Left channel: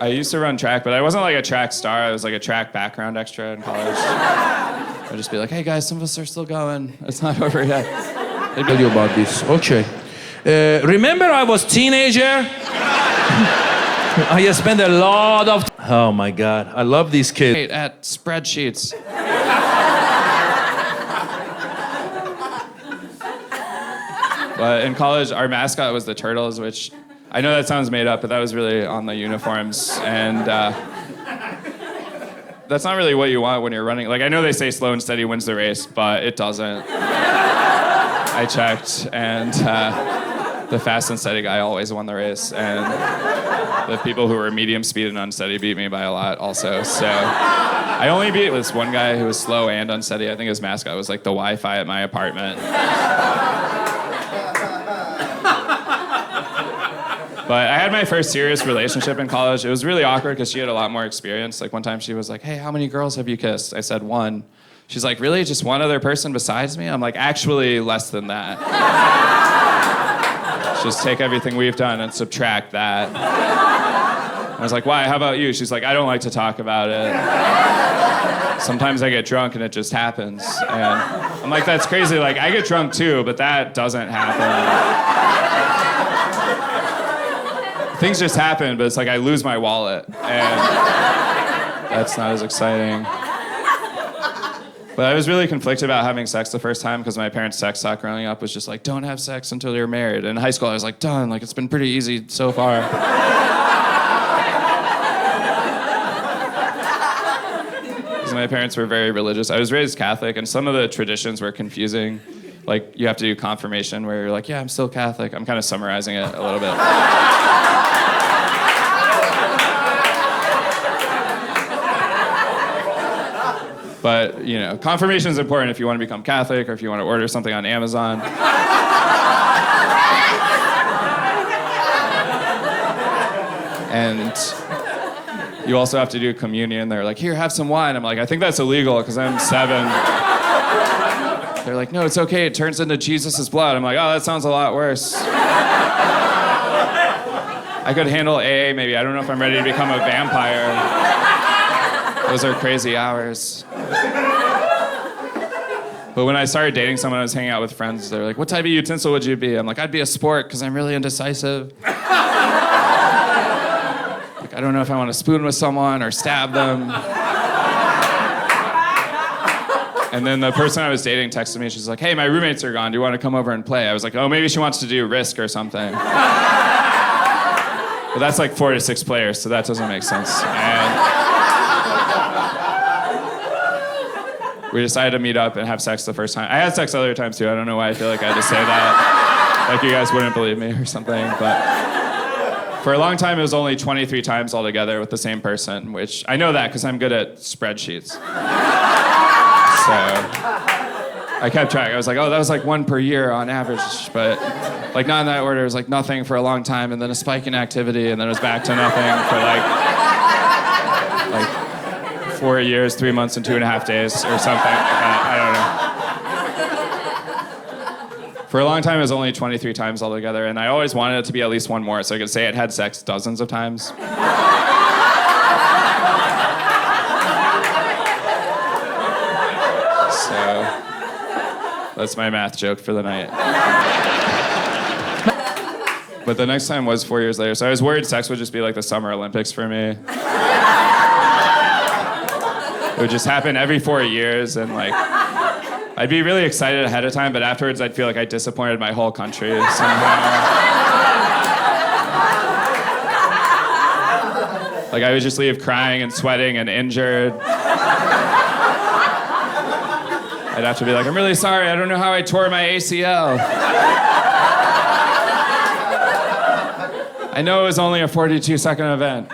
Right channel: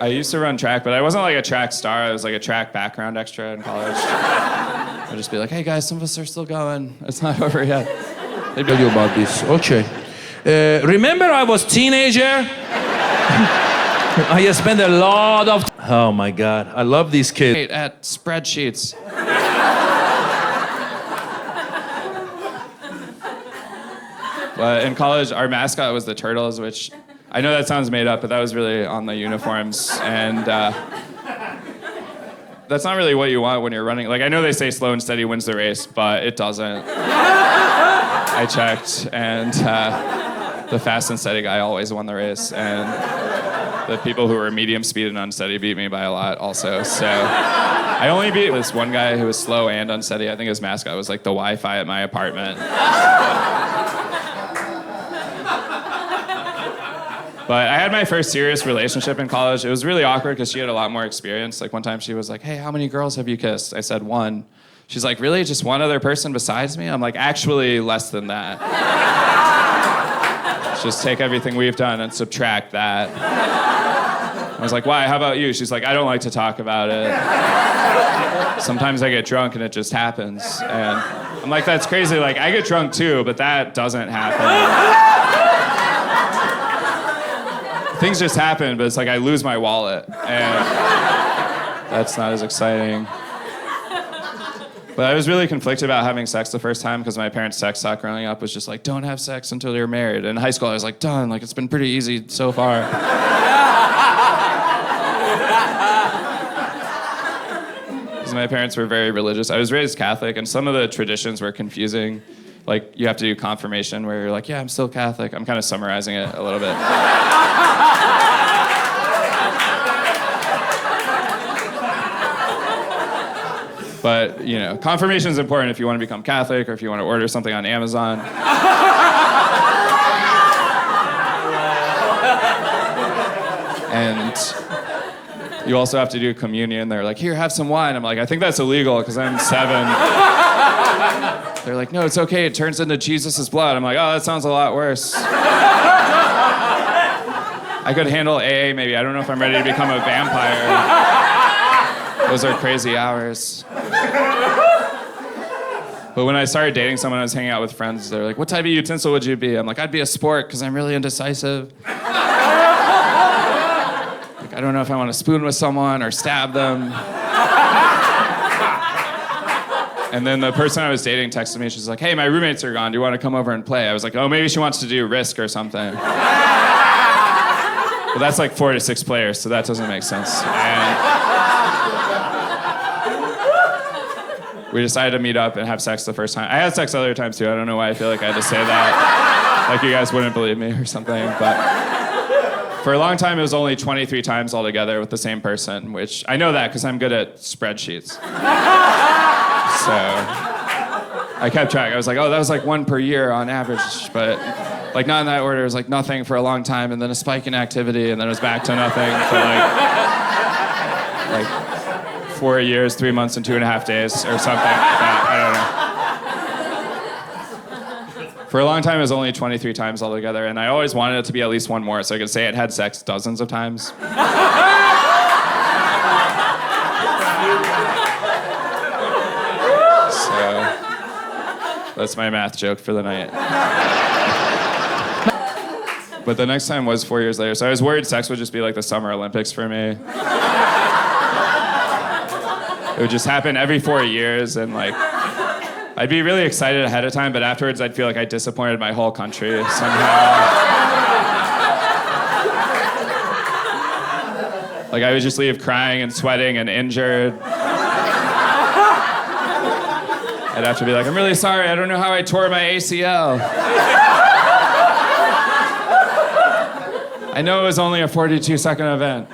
I used to run track, but I wasn't like a track star. I was like a track background extra in college. I'd just be like, hey guys, some of us are still going. It's not over yet. They'd tell you about this. Okay. Remember I was teenager? I spent a lot of... Oh my God, I love these kids. At spreadsheets. But in college, our mascot was the Turtles, which I know that sounds made up, but that was really on the uniforms. And that's not really what you want when you're running. Like, I know they say slow and steady wins the race, but it doesn't. I checked, and the fast and steady guy always won the race. And the people who were medium speed and unsteady beat me by a lot also. So I only beat this one guy who was slow and unsteady. I think his mascot was like the Wi-Fi at my apartment. But I had my first serious relationship in college. It was really awkward because she had a lot more experience. Like one time she was like, hey, how many girls have you kissed? I said 1. She's like, really? Just one other person besides me? I'm like, actually less than that. Just take everything we've done and subtract that. I was like, why? How about you? She's like, I don't like to talk about it. Sometimes I get drunk and it just happens. And I'm like, that's crazy. Like, I get drunk too, but that doesn't happen. Things just happen, but it's like I lose my wallet, and that's not as exciting. But I was really conflicted about having sex the first time because my parents' sex talk growing up was just like, don't have sex until you're married. And in high school, I was like, done. Like, it's been pretty easy so far. Because my parents were very religious. I was raised Catholic, and some of the traditions were confusing. Like, you have to do confirmation where you're like, yeah, I'm still Catholic. I'm kind of summarizing it a little bit. But, you know, confirmation is important if you want to become Catholic or if you want to order something on Amazon. And you also have to do communion. They're like, here, have some wine. I'm like, I think that's illegal because I'm 7. They're like, no, it's okay. It turns into Jesus' blood. I'm like, oh, that sounds a lot worse. I could handle AA maybe. I don't know if I'm ready to become a vampire. Those are crazy hours. But when I started dating someone, I was hanging out with friends. They're like, what type of utensil would you be? I'm like, I'd be a spork because I'm really indecisive. Like, I don't know if I want to spoon with someone or stab them. And then the person I was dating texted me. She's like, hey, my roommates are gone. Do you want to come over and play? I was like, oh, maybe she wants to do Risk or something. But that's like 4 to 6 players, so that doesn't make sense. And we decided to meet up and have sex the first time. I had sex other times too. I don't know why I feel like I had to say that. Like you guys wouldn't believe me or something. But for a long time, it was only 23 times altogether with the same person, which I know that because I'm good at spreadsheets. So I kept track. I was like, oh, that was like 1 per year on average. But like not in that order. It was like nothing for a long time and then a spike in activity and then it was back to nothing for like 4 years, 3 months, and 2.5 days, or something like that. I don't know. For a long time, it was only 23 times altogether, and I always wanted it to be at least one more, so I could say I'd had sex dozens of times. So that's my math joke for the night. But the next time was 4 years later, so I was worried sex would just be like the Summer Olympics for me. It would just happen every 4 years, and like, I'd be really excited ahead of time, but afterwards I'd feel like I disappointed my whole country somehow. Like I would just leave crying and sweating and injured. I'd have to be like, I'm really sorry, I don't know how I tore my ACL. I know it was only a 42-second event.